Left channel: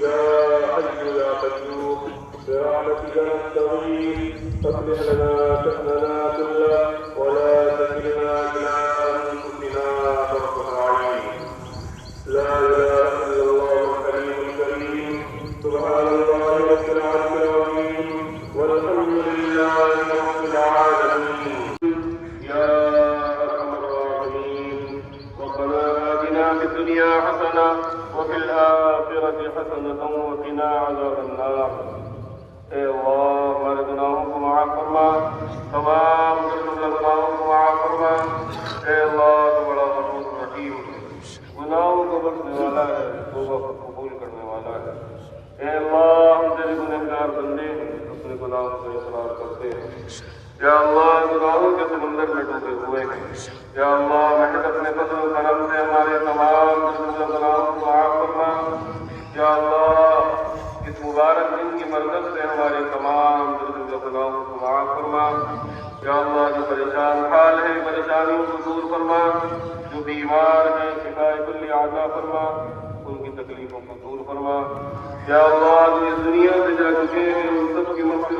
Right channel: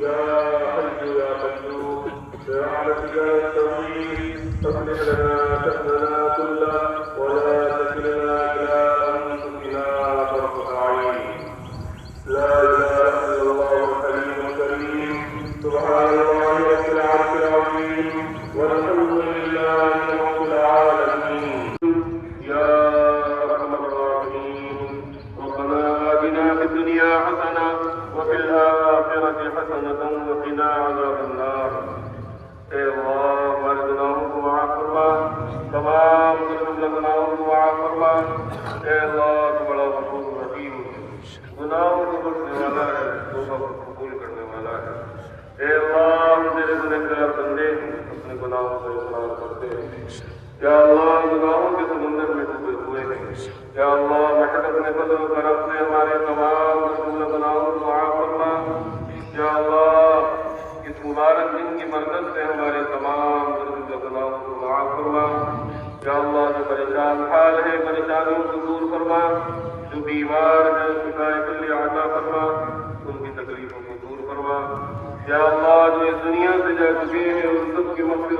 يا حي يا قيوم برحمتك نستغيث أصلح لنا شأننا كله ولا تكلنا إلى أنفسنا طرفة عين. لا إله إلا الله الحليم الكريم سبحان الله رب العرش العظيم والحمد لله رب العالمين. يا أرحم الراحمين ربنا آتنا في الدنيا حسنة وفي الآخرة حسنة وقنا عذاب النار. اے اللہ ہمارے گناہوں کو معاف فرما، تمام گناہوں کو معاف فرما۔ اے اللہ تو بڑا غفور رحیم، گناہوں کو بخشنے والا ہے، توبہ کو قبول کرنے والا ہے۔ اے اللہ ہم تیرے گنہگار بندے اپنے گناہوں کو اقرار کرتے ہیں۔ یا اللہ گناہوں کے سمندر میں ڈوبے ہوئے ہیں۔ یا اللہ محنت کے فضل و کرم سے ہمارے تمام گناہوں کو معاف فرما۔ یا اللہ اس مبارک دن کی مدد سے ہمارے تمام گناہوں کو معاف فرما۔ یا اللہ جو پریشان حال ہے پریشانیوں کو دور فرما، جو بیمار ہیں شفائے کل عطا فرما، ان کی تکلیفوں کو دور فرما۔ یا اللہ جو اس دنیا سے جا چکے ہیں ان سب کی مغفرت